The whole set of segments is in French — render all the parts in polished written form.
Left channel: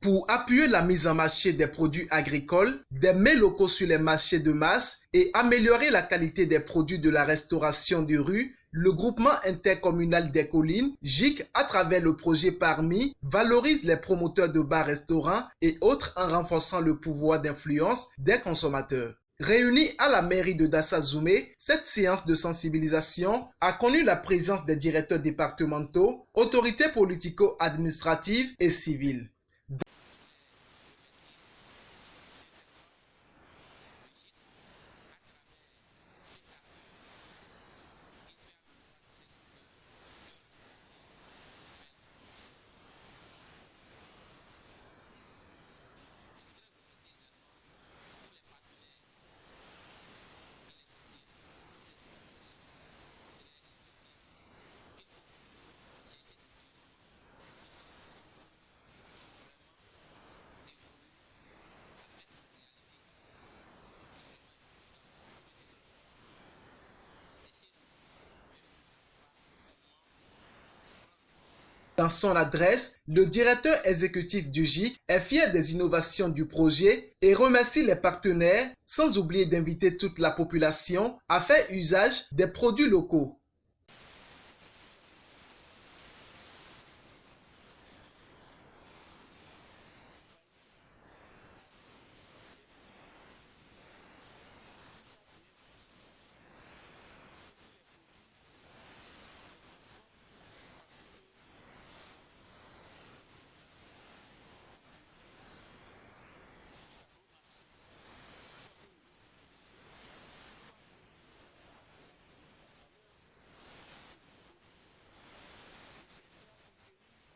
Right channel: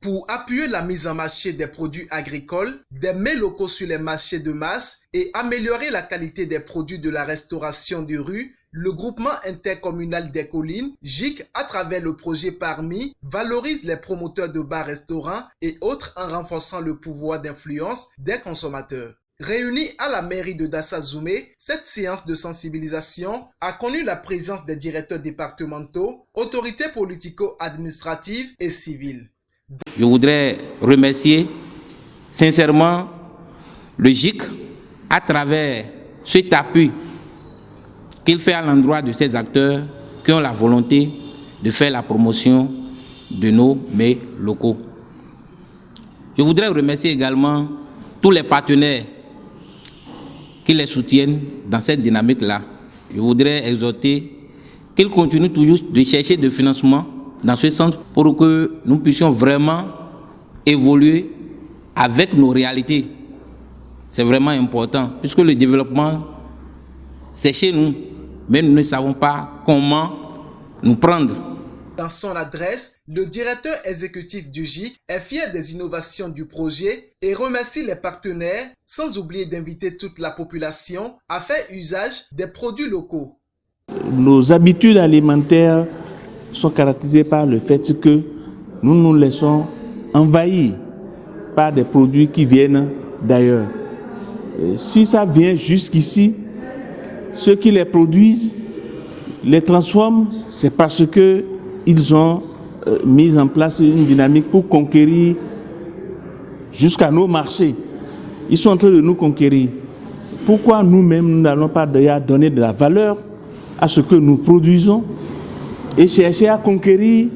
Pour appuyer la mise en marché des produits agricoles, des mets locaux sur les marchés de masse et améliorer la qualité des produits de la restauration de rue, le groupement intercommunal des collines, GIC, à travers le projet PARMI, valorise les promoteurs de bars-restaurants et autres en renforçant le pouvoir d'influence des consommateurs. Réunie à la mairie de Dassa-Zoumé, cette séance de sensibilisation a connu la présence des directeurs départementaux, autorités politico-administratives et civiles. Je voudrais remercier sincèrement le GIC à travers cet appui qu'il fait à l'endroit de ces acteurs qui ont la volonté de faire la promotion de nos mets locaux. Je voudrais remercier également tous les partenaires qui les soutiennent dans cette dynamique-là. Je voudrais exhorter qu'ils continuent toujours de chercher des financements dans ce sens pour que nous puissions vraiment évoluer avec nos réalités. C'est vraiment important, puisque le développement, c'est chez nous, mais nous ne savons pas comment nous prendre. Dans son adresse, le directeur exécutif du GIC est fier des innovations du projet et remercie les partenaires, sans oublier d'inviter toute la population à faire usage des produits locaux. Nos habitudes alimentaires sont caractérisées par le fait que nous nous laissons envahir par des produits qui viennent d'ailleurs. Si ça vient jusqu'ici, ceux qui les produisent, les transforment, c'est parce qu'ils ont mis en place une dynamique pour conquérir jusqu'à nos marchés. Ils sont en train de nous conquérir. Pourquoi nous-mêmes, nous n'allons pas d'ailleurs donner de la valeur à ce que nous produisons et chercher à conquérir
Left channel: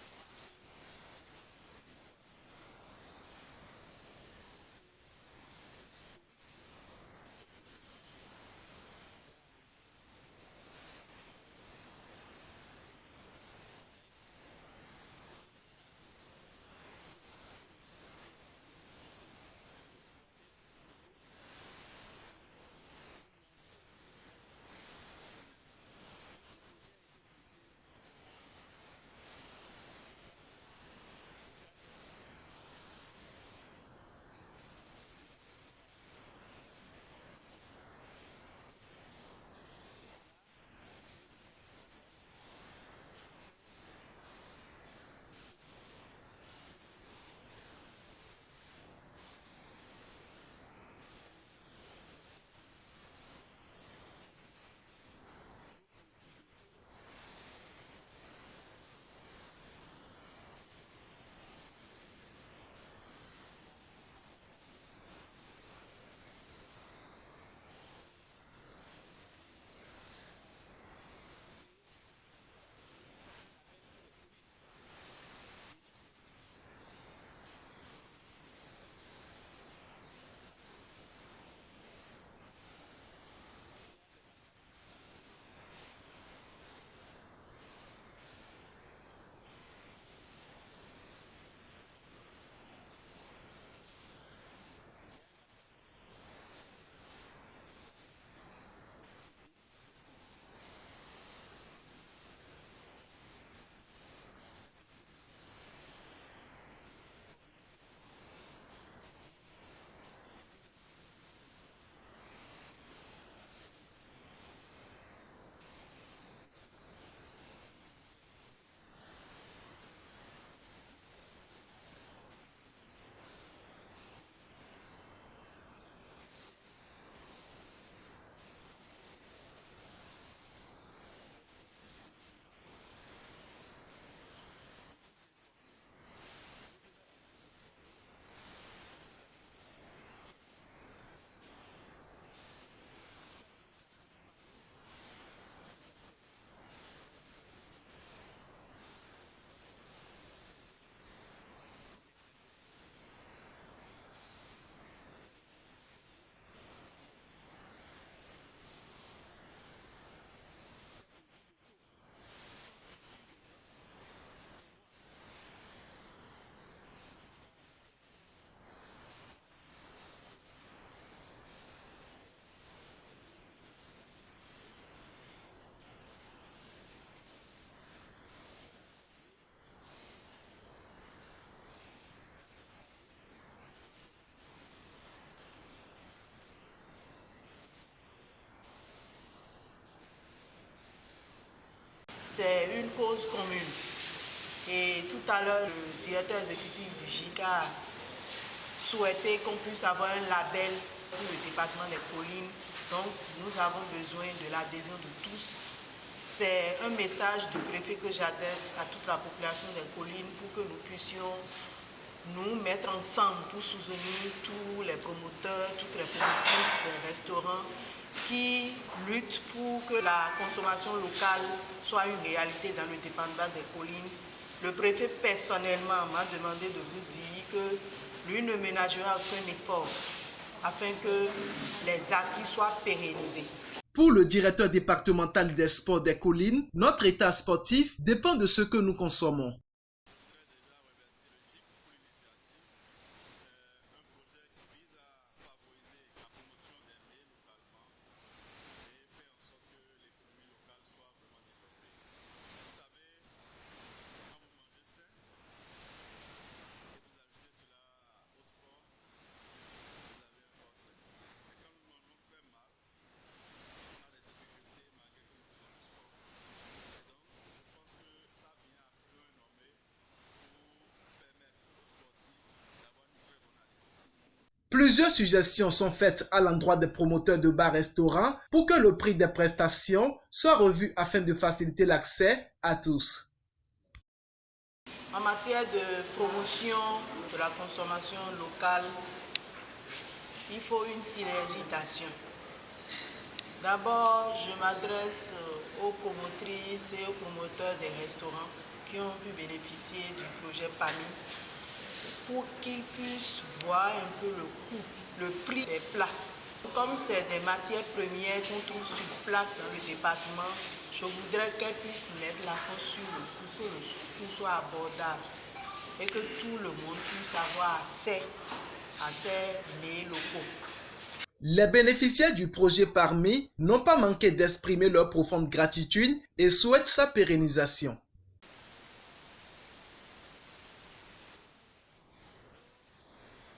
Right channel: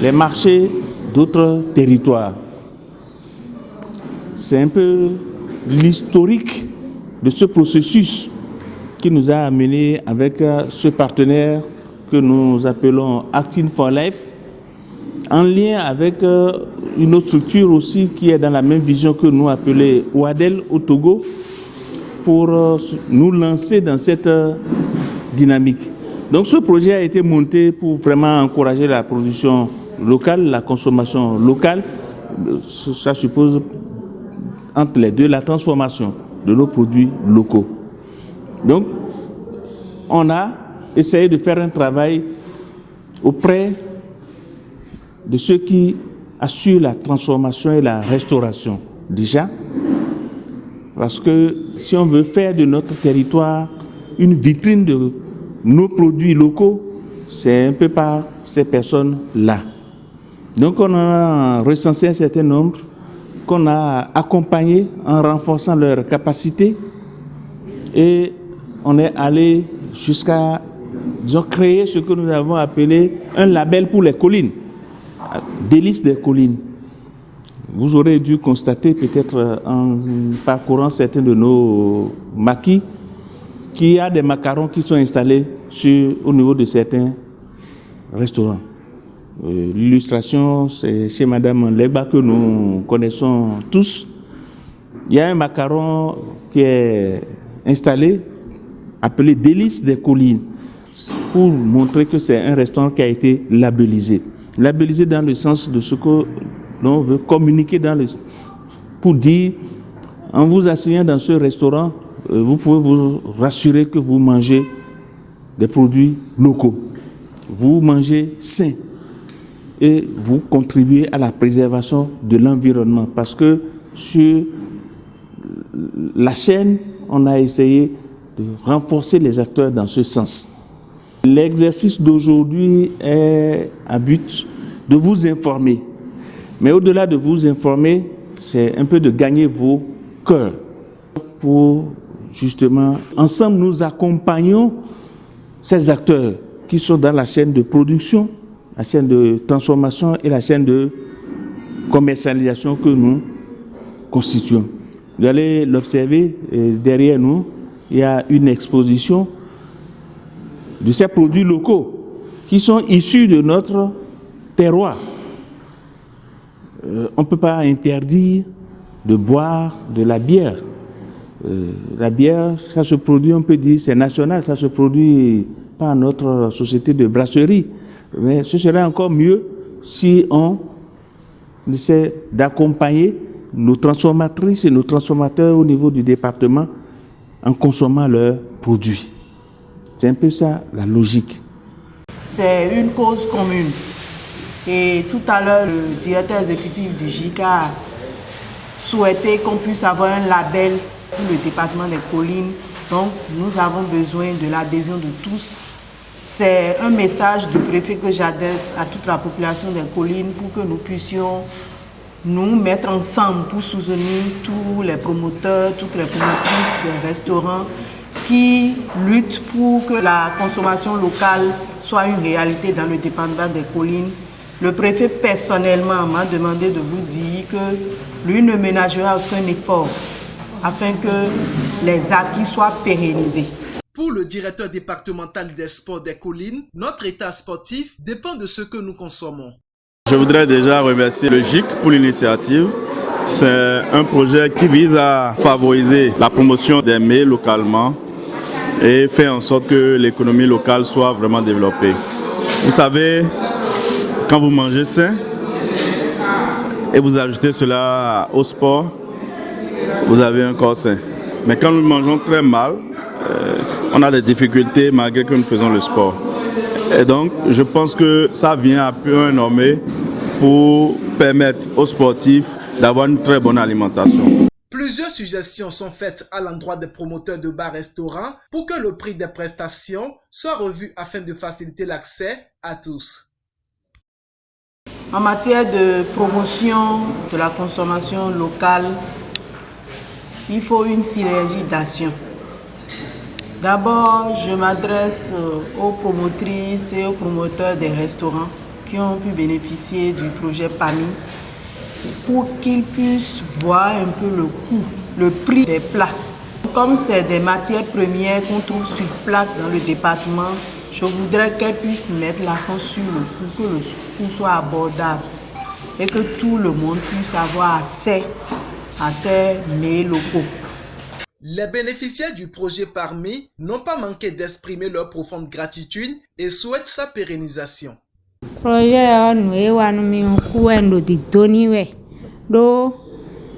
les marchés d'autres territoires? C'est un peu l'historique de ce processus qui nous a amenés avec ce partenaire que nous appelons Acting for Life, en lien avec une autre structure aussi qui est dans la même vision que nous, appelée Ouadel au Togo, pour nous lancer dans cette dynamique. Donc ce projet a été monté pour vraiment encourager la production locale, la consommation locale. Ça suppose entre les deux la transformation de nos produits locaux. Donc on a essayé de faire un travail auprès de ceux qui assurent la transformation et la restauration déjà, parce que si on veut faire de notre territoire une vitrine de nos produits locaux, c'est un peu par ces personnes-là. Donc on a recensé un certain nombre qu'on a accompagnés en renforçant leurs capacités et on est allé jusqu'à, disons, créer ce que nous avons appelé un label pour les collines, délices des collines. Vous aurez dû constater peut-être en parcourant certains de nos maquis qu'il y a des macarons qui sont installés au niveau de certains restaurants. L'illustration, c'est chez Madame Leba que nous connaissons tous. Il y a un macaron qui est installé, appelé Délices des collines, pour montrer que c'est un restaurant qui a été labellisé. Labellisé dans le sens de ce que l'on veut communiquer pour dire, en vous asseyant dans ce restaurant, vous pouvez vous rassurer que vous mangez des produits locaux. Vous mangez sain et vous contribuez à la préservation de l'environnement. Parce que sur la chaîne, on a essayé de renforcer les acteurs dans ce sens. L'exercice d'aujourd'hui est à but de vous informer. Mais au-delà de vous informer, c'est un peu de gagner vos cœurs pour justement, ensemble, nous accompagnons ces acteurs qui sont dans la chaîne de production, la chaîne de transformation et la chaîne de commercialisation que nous constituons. Vous allez l'observer, derrière nous, il y a une exposition de ces produits locaux qui sont issus de notre terroir. On ne peut pas interdire de boire de la bière. La bière, ça se produit, on peut dire, c'est national, ça se produit par notre société de brasserie. Mais ce serait encore mieux si on on essaie d'accompagner nos transformatrices et nos transformateurs au niveau du département en consommant leurs produits. C'est un peu ça la logique. C'est une cause commune. Et tout à l'heure, le directeur exécutif du GIC a souhaité qu'on puisse avoir un label pour le département des collines. Donc, nous avons besoin de l'adhésion de tous. C'est un message du préfet que j'adresse à toute la population des collines pour que nous puissions nous mettre ensemble pour soutenir tous les promoteurs, toutes les promotrices des restaurants qui luttent pour que la consommation locale soit une réalité dans le département des collines. Le préfet personnellement m'a demandé de vous dire que lui ne ménagera aucun effort afin que les acquis soient pérennisés. Pour le directeur départemental des sports des collines, notre état sportif dépend de ce que nous consommons. Je voudrais déjà remercier le GIC pour l'initiative. C'est un projet qui vise à favoriser la promotion des mets localement et faire en sorte que l'économie locale soit vraiment développée. Vous savez, quand vous mangez sain et vous ajoutez cela au sport, vous avez un corps sain. Mais quand nous mangeons très mal, on a des difficultés malgré que nous faisons le sport. Et donc, je pense que ça vient à point nommé pour permettre aux sportifs d'avoir une très bonne alimentation. Plusieurs suggestions sont faites à l'endroit des promoteurs de bars-restaurants pour que le prix des prestations soit revu afin de faciliter l'accès à tous. En matière de promotion de la consommation locale, il faut une synergie d'action. D'abord, je m'adresse aux promotrices et aux promoteurs des restaurants qui ont pu bénéficier du projet PAMI pour qu'ils puissent voir un peu le coût, le prix des plats. Comme c'est des matières premières qu'on trouve sur place dans le département, je voudrais qu'elles puissent mettre l'accent sur le coût, que le coût soit abordable et que tout le monde puisse avoir accès à ces mets locaux. Les bénéficiaires du projet PAMI n'ont pas manqué d'exprimer leur profonde gratitude et souhaitent sa pérennisation. Projet nous wa no mi ku endo di doni we do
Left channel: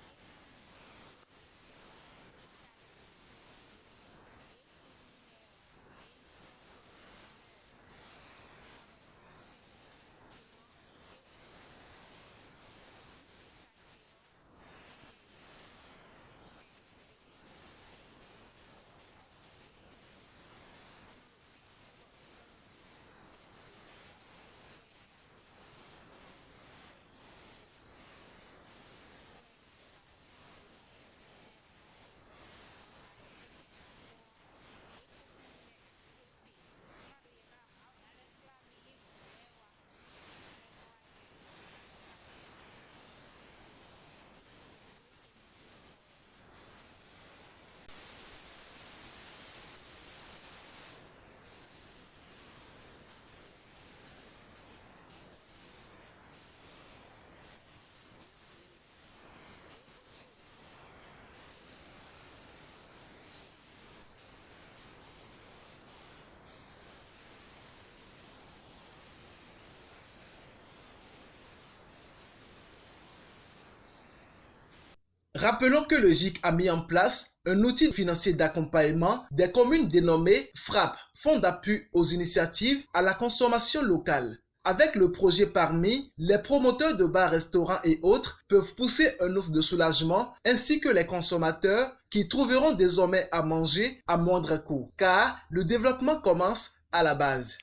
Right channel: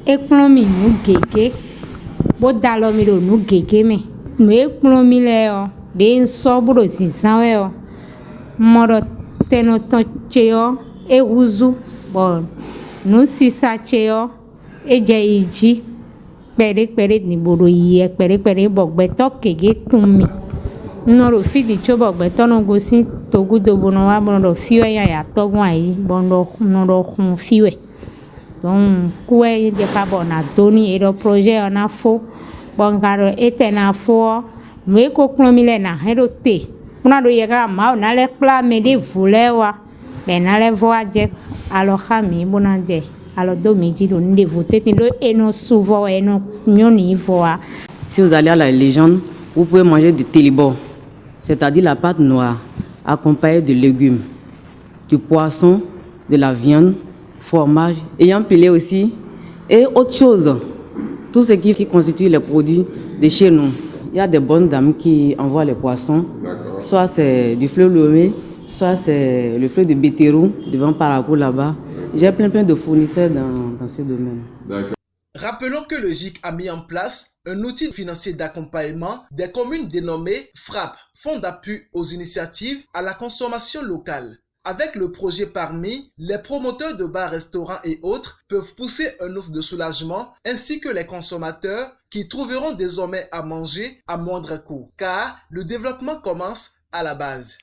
ekplomi nu gege bo dalo mi do nu gege me no ekplomi le o de nso buro tinsan we o modo teno ton cheo e wuzu bon nu sisa cheo e je iji pere ni boro yi pere bogbeto kege tunmi noro fidi chobo gbeto no gosi togudo bono wa bono fiwe ya togun ayi bono noro kun fiwe donc kuwe de carbona doni e projet on a fo bongaro etena fo me ko klomile na herote una do yega ma na le pla me de vulewa be na le voaje alo khami bonaje alo do meji do nde voter lo eno souvent eno nyoni voa. Si vous allez à la légende, vous pouvez manger du télébor, c'est-à-dire la pâte noire, accompagnée de légumes, du poisson, de la viande, fromage, ayant pilé aussi, et autre chose, tout ce qui constitue les produits de chez nous. Il y a des bonnes dames qui envoient les poissons, soit c'est du fleur lomé, soit c'est le fleur de béterou devant Parakou là-bas. J'ai plein de fournisseurs dans ce domaine. Rappelons que le GIC a mis en place un outil financier d'accompagnement des communes dénommé FRAP, Fonds d'appui aux initiatives à la consommation locale. Avec le projet PAMI, les promoteurs de bars, restaurants et autres peuvent pousser un offre de soulagement ainsi que les consommateurs qui trouveront désormais à manger à moindre coût, car le développement commence à la base.